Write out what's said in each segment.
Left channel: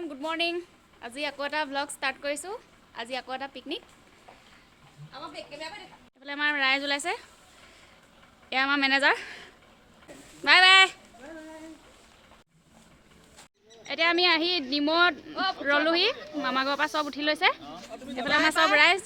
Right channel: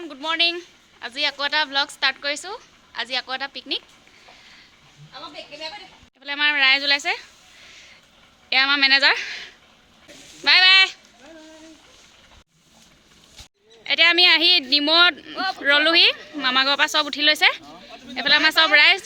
Everyone good morning আজি আকৌ এটা ব্লগ ষ্টাৰ্ট কৰিছোঁ আজি আকৌ এটা পিকনিক এইফালে আমাৰ ৰাইজ ওলাইছে এয়া আমাৰ মেনেজাৰ বাই বাই এতিয়া আমি আহি ডিমত ৰলোহি মামা ঘৰৰ পৰা চব উঠি লৈছে এইফালে আমাৰ চব ৰাইজ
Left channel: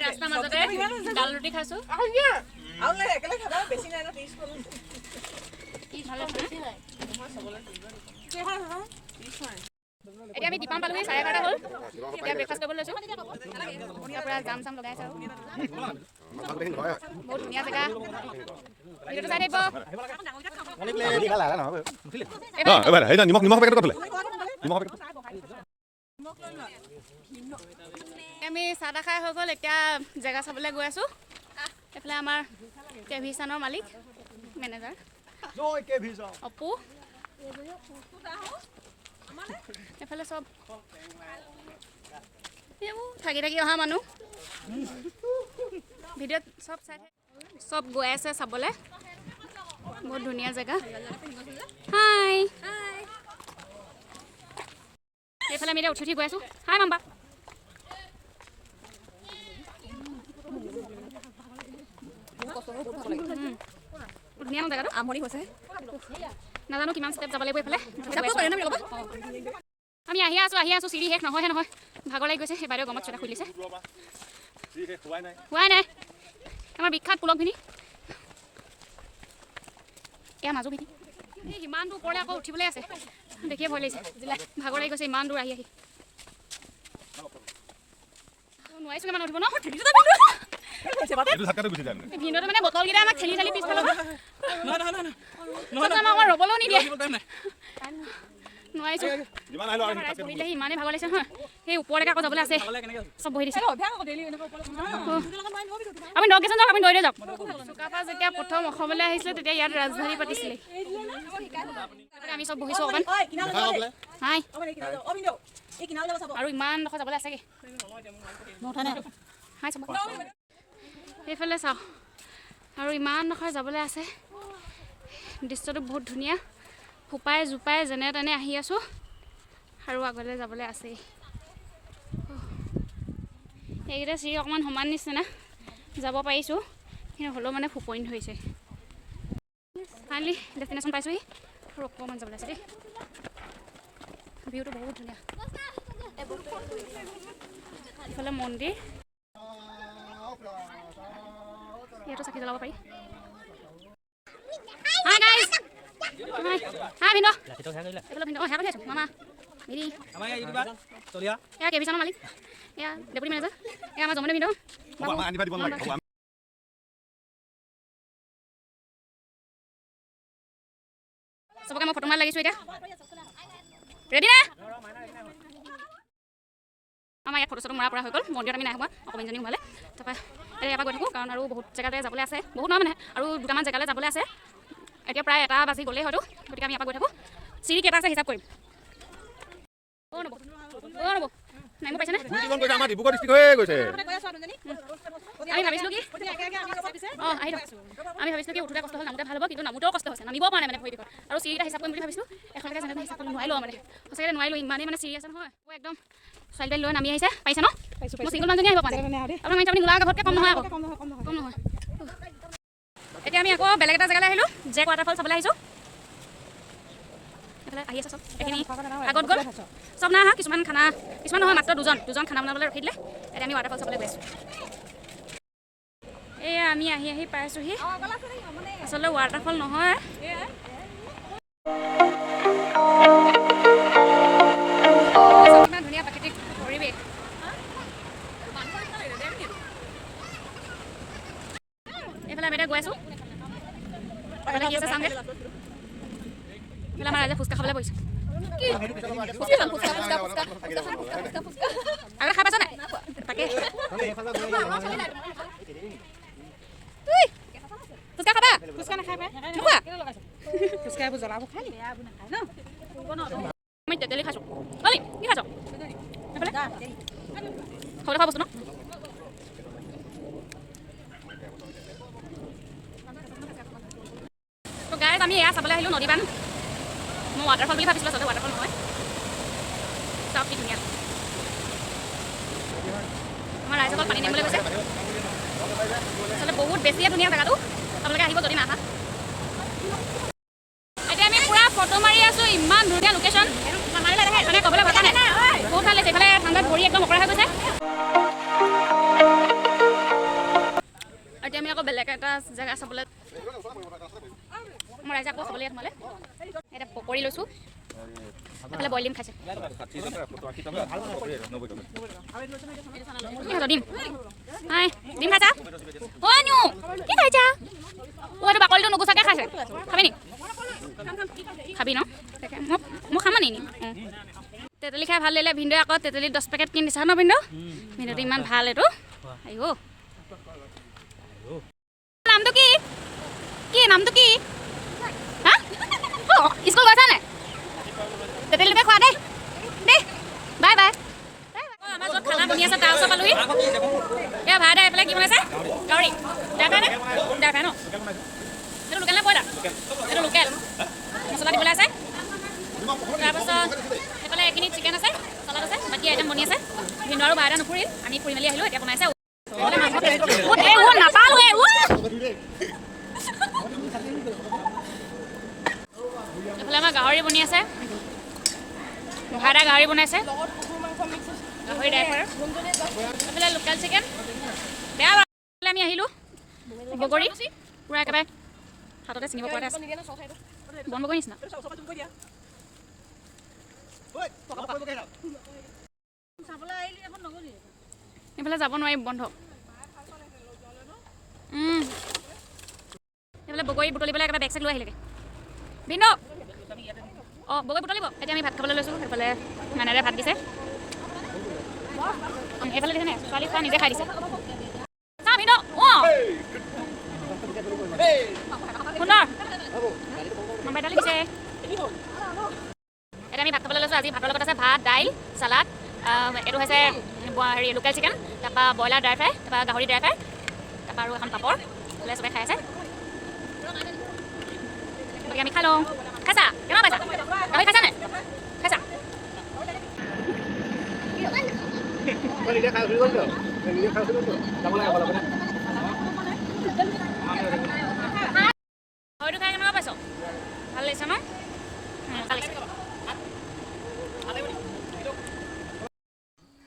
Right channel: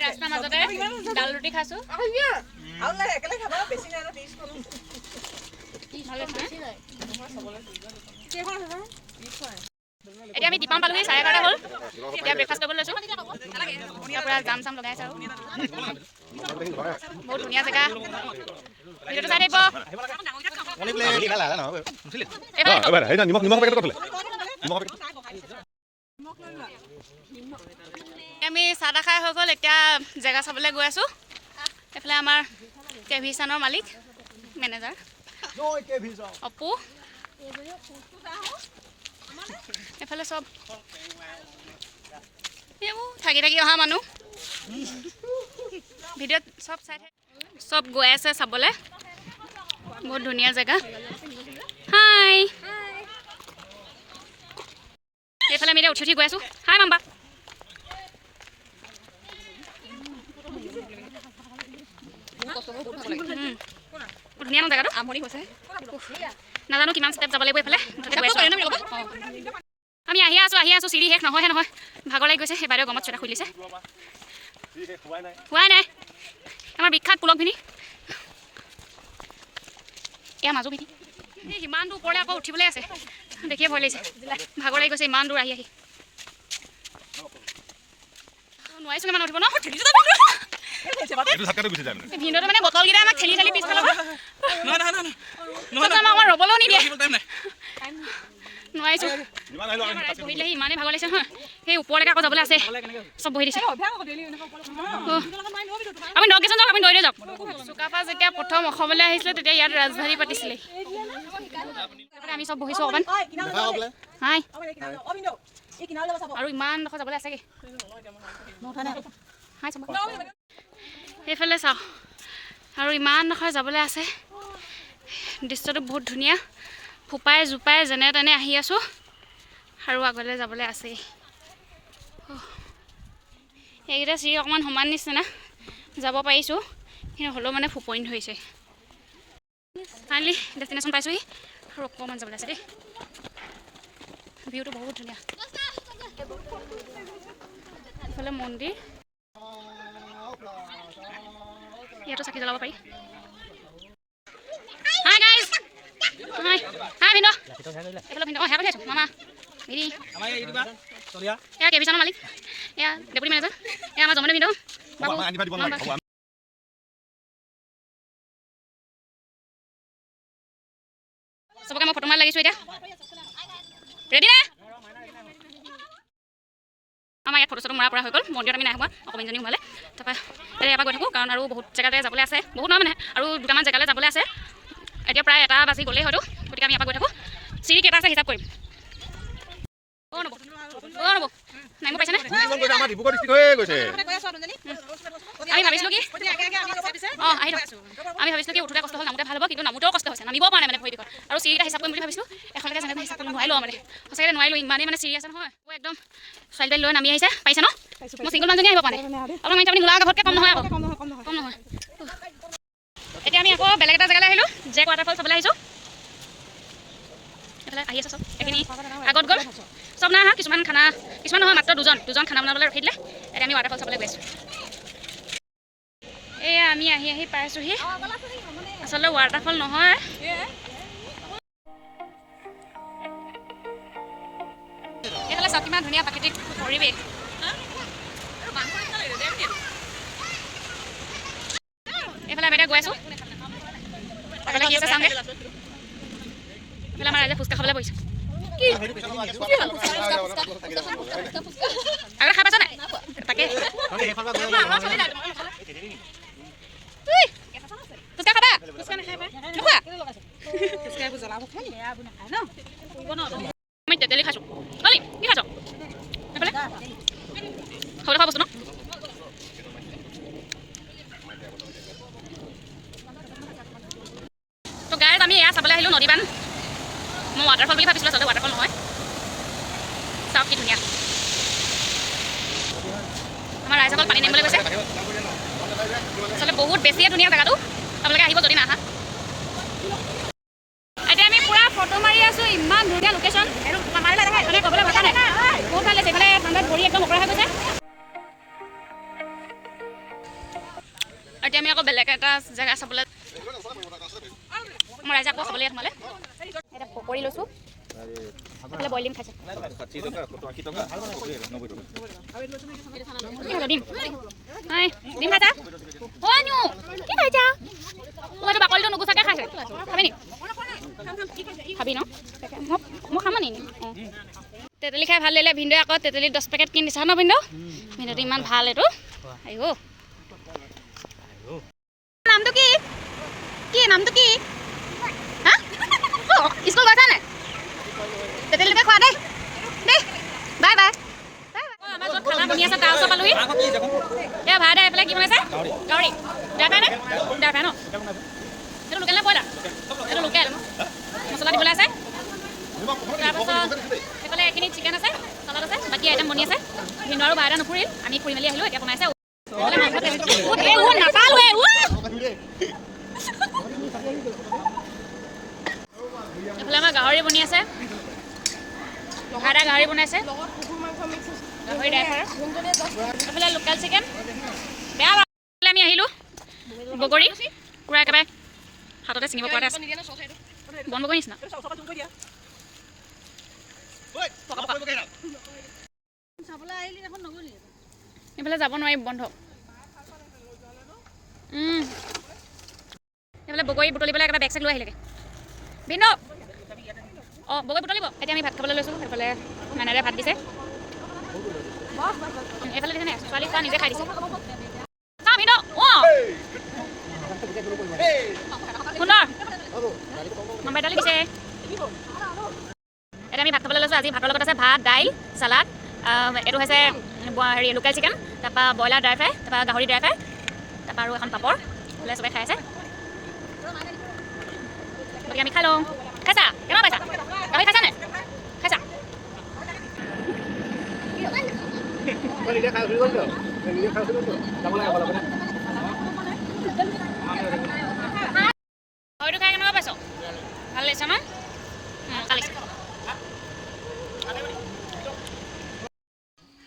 ৰাস্তাৰ মাজতে ডাল ৰুটি খাইছোঁ এতিয়া আমি দীপাম পালোহি 11:30 হ'ল এতিয়া ব্ৰেকফাষ্ট কৰিবলৈ লৈছোঁ পুৰা জাম চাম লগাই আছে আৰু বহুত ধুনীয়া জেগা ভিডিঅ'টো চাই থাকিব আমি চাহ তাহ খাই হৈ গ'ল এতিয়া জেগা চাবলৈ গৈ আছোঁ এইফালে আমাৰ কেভিচানৰ মালিক মেনেজাৰ অপু এইফালে চব এইবোৰ থাকি থাকি অহা মানুহ ভিডিঅ'ত চব চাই থাকে চব গৈ আছে চাবলৈ বহুত ধুনীয়া জেগা হাই এইফালে আমি এতিয়া উঠি উঠি গৈ আছোঁ হাই মাম্বা ধুনীয়া ন জেগাটো নাজানো কিমান ষ্টেপ যাব লাগিব এইফালে আমি আহি আছোঁ চিৰি শেষ নহয় ভাগৰ লাগি গৈছে সেই বাইদেউ গমত চটা খুলিছে হোৱাই নাই আমাৰ বিখ্যাত পুলকভিনী এয়া মাজু ভিনি এই ইমান দূৰ ওপৰলৈ আকৌ উঠিবলৈ আছে দেখিয়ে ভয় লাগিছে ভাগৰ লাগি গৈছে ইমান দূৰ আহি নোৱাৰিছোঁ মানে উঠিব ন ভিনদেউটো মানে বটলকেইটা আমাক ঠেলি ঠেলি পিছফালৰ পৰা আমাৰ ৰ'বলৈও নিদিয়ে নোৱাৰিছোঁ বহিলেহি ইমানেই ভাগৰ লাগিছে নহয় সেই ওপৰলৈকে আকৌ যাবলৈ আছে চব বহি দিছে আপুনি 10 কেজন যাওক আপুনি দৌৰে যাওক চুকাফা যেতিয়া প্ৰথম অসমলৈ আহিছিলে তেতিয়া ইয়াত ৰাজধানী পাতিছিলে আমি চব বহিছোঁ অকণমান হাই আৰু ইমান ডোখৰ যাবলৈ আছেগৈ হাই চাব সেইফালে চাওঁ আৰু ইমান ডোখৰ যাবলৈ আছে দৃশ্যটো বহুত ধুনীয়া ফোপাই জোপাই যেনে তেনে আহি আছোঁ আৰু আগলৈ যাবলৈ আছেই এইকেইটা চিৰি অকণমান সমান নিচিনা যাব পাৰিছোঁ কিন্তু হ'লেও মানে ফুপইন ধৰিছে ফাইনেলি ডেষ্টিনেশ্যন পাইছোঁহি আৰু অকণমান যাবলৈ আছে দেই ভিউটো বহুত ধুনীয়া এইফালে মন্দিৰ ইয়াতো চাকি জ্বলাব পাৰি হাই গাইজ হাই হাই ভিন্দ এইফালে ভিন্দ হেয়া কৰি আছোঁ মামা মিৰি এয়া কেভিচানৰ মালিক এয়া ডেপুটি মেনেজাৰ এয়া আমাৰ জমনি ভিন্দ বাবু মামা চবকে মই ফটো মাৰি লাগিছোঁ এতিয়া ৰেডি নে আমাৰ ইয়াত ফটো চটো মৰা পৰা হৈ গ'ল মন্দিৰত আমি নাই হোৱা অকণমানজনী সোমালে তাৰপৰা এতিয়া ইয়াৰ পৰা গৈ থাকোঁ কাৰণ আৰু বহুত জেগাতে যাবলৈ আছে বহুত নহয় মানে আৰু দুটামান জেগালৈ যাবলৈ আছে এতিয়া প্ৰায় 1 বাজি গ'লেই হয়তো গতিকে আমি ইয়াৰ পৰা গৈ থাকোঁ চিৰি কেইটা আছে হিচাপ কৰিম নব নামিব পাইছেনে আমি ভাবিছিলোঁ কি আহি আমি ভাবিছিলোঁ কি উঠোতে কষ্ট হ'ল নামোতে ভাল হ'ব কিন্তু নামোতেও কষ্ট হৈছে নামিব পৰা নাই মানে ভৰি বিষত আৰু চিৰিটা হিচাপ কৰিম বুলি ভাবিছিলোঁ এখনলৈকে যেনেকৈ হিচাপ কৰিব নোৱাৰিলোঁ মানে সঁচাকৈ নোৱাৰিলোঁ ইমানেই মানে চিৰি আছে নহয় একদম ছোৱালী লৈ নামি আহিছে পাৰিছে ন মই চিংগল মানুহজনী আহিব পাৰে আপোনাৰ মাৰি আপুনি নোলোৱা ঘৰতকৈ কম নহয় আকৌ কম নহয় এতিয়া আমি আকৌ বেলেগ এটা জেগালৈ আহিলোঁ জেক ৱাটাৰফল চাবলৈ আহিছোঁ এইফালে আহি আছে চব এইখিনি আগত গ'ল চব নাই অহা কিছুমান নহয় মাত্ৰ দুজন খানা বনাবলৈ ৰখি দিলে এতিয়া আমি ৱাটাৰফল চাবলৈ গৈ আছোঁ এয়া আমি আহি পাইছোঁহি আচলতে ৱাটাৰফল নহয় এইফালে চব কিমান ধুনীয়া প্ৰাকৃতিক পৰিৱেশ এইফালে আমি এতিয়া গৈ আছোঁ আগলৈ কি আছে চাওঁগৈ এইফালে আমাৰ ৰাইজে ফুচকা খাবলৈ বহিছোঁ আগতে খাই পাইছ নাই তাকে ফুচকা খাবা নোখোৱা আমি তেতেলী খাইছোঁ অলি কি খাইছ এইফালে খাবলৈ খোৱা বস্তু ন তো গাইজ আমি এয়া চাবলৈ আহিলোঁ নদীবান মই ৱাটাৰফল বুলি ভাবিছিলোঁ আচলতে ৱাটাৰফল নহয় চাওক কি ধুনীয়া আমাৰ ৰাইজসকল পানী নিবলৈ গৈছে আচলতে বহুত বেছিয়ে ধুনীয়া জেগাটো আপোনালোকে আহিব যদি নাহা এতিয়া আমি পুৰা ফটো মাৰি আছোঁ ইমান ধুনীয়া লোকেশ্যন মানে ক'বলৈ ভাষা নাই বহুত ভাল লাগিছে এইফালে ঠাণ্ডাত ভৰি একদম অকৰা হৈ গৈছে এতিয়া আমি আকৌ বেলেগ এটা জেগা চাবলৈ মই ৰাইজে আকৌ খাবলৈ সোমালে এতিয়া পকৰি লৈছোঁ এইফালে বইল ডিম খাইছে ডিম হাই ডিম খাইছা অ' নিউ কি খাইছা এইটো বাকলিটো নুগুচাকৈ খাইছে খাবি নি খাবি ন মই খাম নি তেতেলী খাই ভাল লাগিলে ভিনদেউ আকৌ তেতেলী 10 পেকেট কিনি দিছা ন ভিনদেউ ভিনদেউটো ইমান ভাল এইটো আহিব নামটো কি কি নামটো কি হা স্কুল গৈছা নে তেতেলীকে খোৱা দেই দেই বাই বাই আমাৰ য'ত খানা বনি আছে তাৰ ওচৰ পালোহি এয়া ভাই দা এইফালে কি বনাইছে গাহৰি ড্ৰাইভাৰ নে ড্ৰাইভাৰ ন এইটো লোকেল নে ব্ৰইলাৰ এইটো লোকেল মছলা দিবলৈ আছে তাৰপাছত সেইফালে এইখিনি চিকেন আছে চালাড আছে বাকী আইটেম বনি আছে ভিনদেউ আৰু বাইদেউ নুফুৰিল আমি ফুৰি মেলি আহিলোঁ এতিয়া বনাইছে নাপালোৱে এইফালে আমাৰ গাহৰি বনি আছে ভাইদা গাহৰি বনাইছে গাহৰি ড্ৰাইভাৰ এইফালে লোকেল চিকেন বেয়া আমি আহিলোঁ বগৰী কুকুৰা একেবাৰে হাততে ছিঙিব পৰাতে আছে বন বগৰী নিচিনা এইফালে যাব নোৱাৰি বন্ধ এইফালে বগৰী বুটলিবলৈ একেবাৰে বেগ চেগ লৈ আহিলেগৈ ভিন্ন অঁ বগৰী বুটলিব এতিয়া আমি ভাত খাবলৈ লৈছোঁ সেইফালে মানেৰে ভাত দিছে এইফালে দিছে নে ছোৱালী খোৱা নিজে খাই দিছে চা ভিন্ন অঁ সুন্দৰ নম্বাৰ দালি দিছে এতিয়া আমি ভাত খাবলৈ লৈছোঁ আজি ভাতৰ লগত আছে ভাত দাইল চালাড এইটো হৈছে হেৰি লোকেল চিকেন তাৰপৰা ব্ৰইলাৰ ড্ৰাই ফ্ৰাই তাৰপৰা গাহৰি ড্ৰাই ফ্ৰাই তাৰপৰা আৰু এখন পাপৰ বোলে চবে খাই আছে গতিকে আমি খাই লওঁ খাইছা কেনেকুৱা পাইছা গাহৰি খাইছা নে খাইছা গাহৰিটো খাই কেনেকুৱা পাইছ ভাল লাগিছে ন ভাল লাগিছে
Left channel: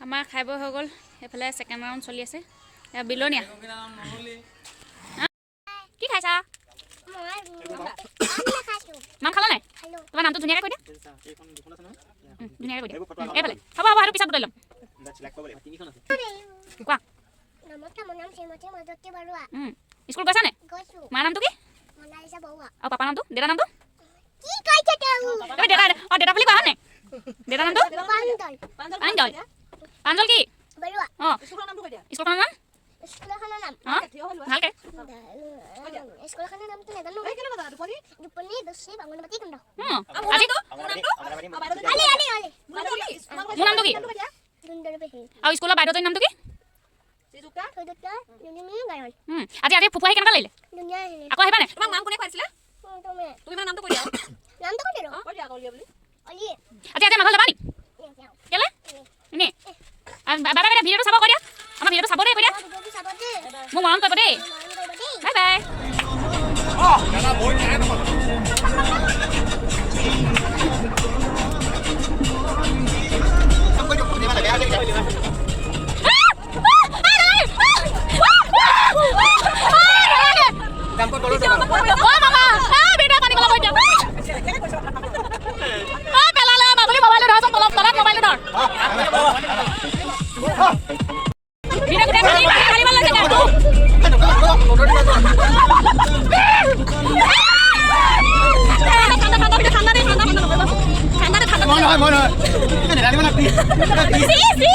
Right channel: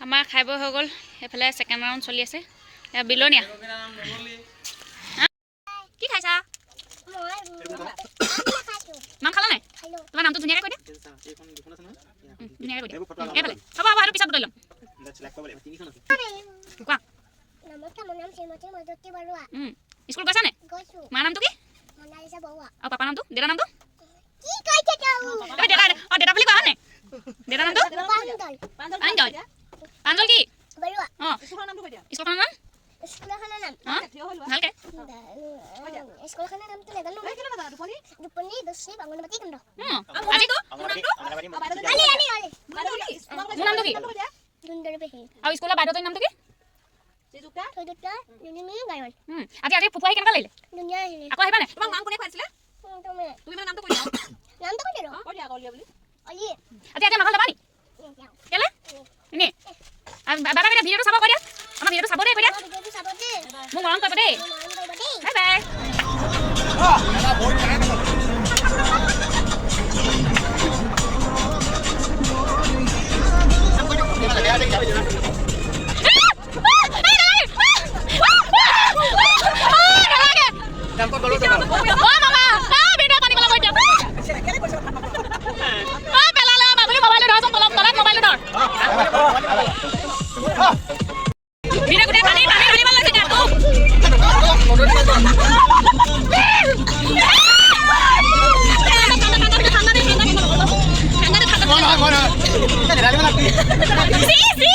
আমাৰ খাই বৈ হৈ গ'ল এইফালে ছেকেণ্ড ৰাউণ্ড চলি আছে বিলনীয়া কি খাইছা নাম খালা নাই তোমাৰ নামটো ধুনীয়াকৈ কৈ দিয়া ধুনীয়াকৈ কৈ দিয়া এইফালে হ'ব হ'ব সেইটো পিছত গোটাই ল'ম কোৱা স্কুল গৈছা নে মাৰ নামটো কি আৰু পাপাৰ নামটো দেউতাৰ নামটো দেউতা বুলি কোৱা হয় নে দেউতাৰ নামটো প্ৰাঞ্জল প্ৰাঞ্জল কি অঁ স্কুলখনৰ নাম ভালকৈ স্কুলখনৰ নামটো নাজানো দুপনি দশী বাংলাবাদী কেন্দ্ৰ মোৰ নামটো কি আৰু স্কুলৰ বাইদেউজনীৰ নামটো কি আজি আজি ফুফু আহি কেনেকুৱা লাগিলে আকৌ আহিবা নে তোমাক নাম কোনে খুৱাইছিলে তুমি মানে নামটো কৈ দিয়া নামটো কৈ দিয়া কৈ দিয়া অলি বুলি অলি আজি আজি নগল যাবা নি কেলে এনে আৰু বাবা কেইটা ভিডিঅ'টো চাব কৈ দিয়া আমাৰ ভিডিঅ'টো চাব দে কৈ দিয়া মোক মৰম কৰিব দেই বাই বাই দাদা বহুত টাইম Sí, sí.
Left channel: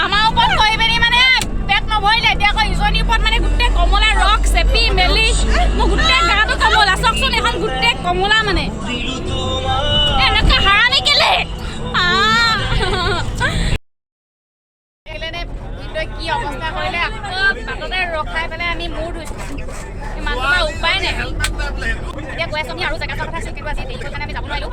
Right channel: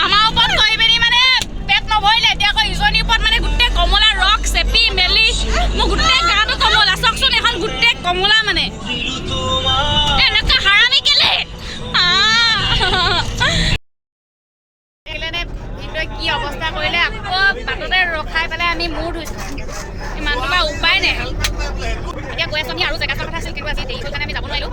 আমাৰ ওপৰত হৈ পিনি মানে পেট নভৰিলে এতিয়া আকৌ ইজনীৰ ওপৰত মানে গোটেই কমলা ৰস চেপি মেলি মোৰ গোটেই গাটো কমলা চাওকচোন এখন গোটেই কমলা মানে এনেকুৱা হাৰামি কেলে কি অৱস্থা কৰিলে আকৌ বাটতে ৰখাই পেলাই আমি মূৰ ধুইছোঁ ইমান তোমাৰ উপায় নাই এতিয়া গৈ আছোঁ আমি আৰু জেগা চোৱাৰ কথা আছিল কিন্তু আজি দেৰি হ'ল কাৰণে আমি যাব নোৱাৰিলোঁ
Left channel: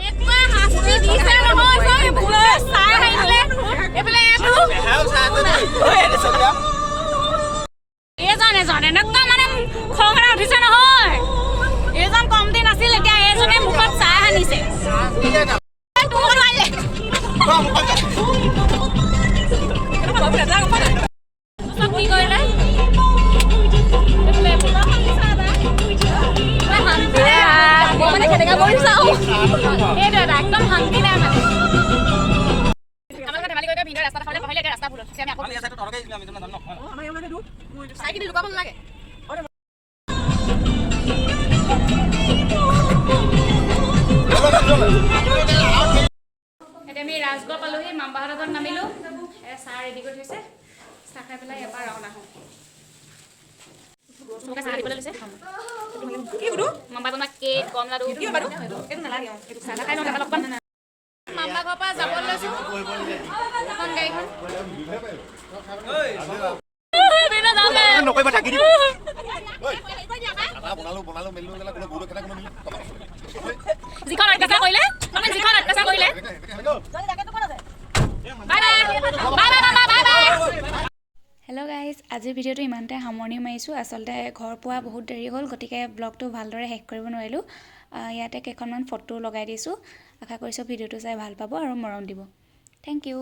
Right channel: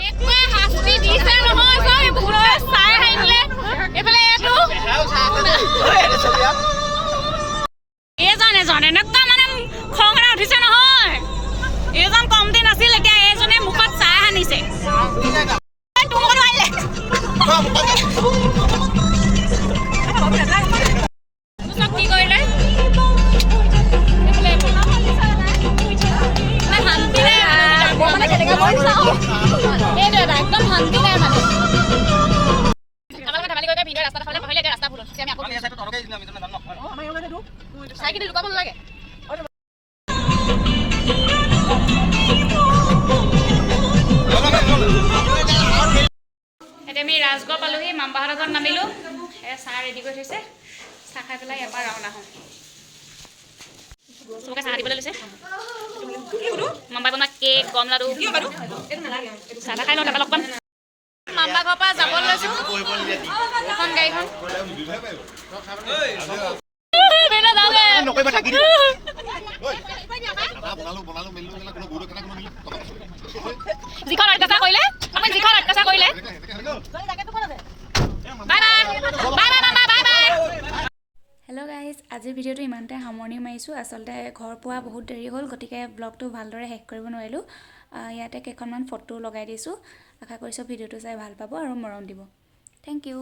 এনেকুৱা শাস্তি দিছে নহয় চব বহুতে চাই আহিলে এইফালে এইজন এনেকুৱা মানে খং এটা উঠিছে নহয় এইজন কম দিন আছিল এতিয়া এইজনে মুখত চাই আনিছে কি কৰিলে আমি ৰাজগড় পালোহি মামবাহঁতৰ ঘৰত নামিলোঁ চাহ ৰেডি কৰি থৈছে চাহ খাই পেলাই এবাৰ ৰাওনা হওঁ চবকে চাহ দিবলৈ লৈছে মামবাই বনোৱা কেক গম লাডু চাহ খাই লওঁ তাৰপৰা লগ পাম মামবা ঘৰৰ পৰা যাব লৈছোঁ এখন গাড়ীখন যিখন অত্যাচাৰ কৰিলে আপুনি যিখন অত্যাচাৰ কৰিলে হেল্ল' গাইজ আজিৰ ভিডিঅ'টো ইমানতে সামৰণি মাৰিছোঁ আচলতে ঘৰ পোৱা বহুত দেৰি হ'ল গতিকে ব্লগটো ভালদৰে শেষ কৰিব নোৱাৰিলোঁ ইয়াতে কেইখনমান ফটো লগাই দিছোঁ আশা কৰিছোঁ ভিডিঅ'টো চাই ভাল পাব আৰু মৰম দিব থেংক ইউ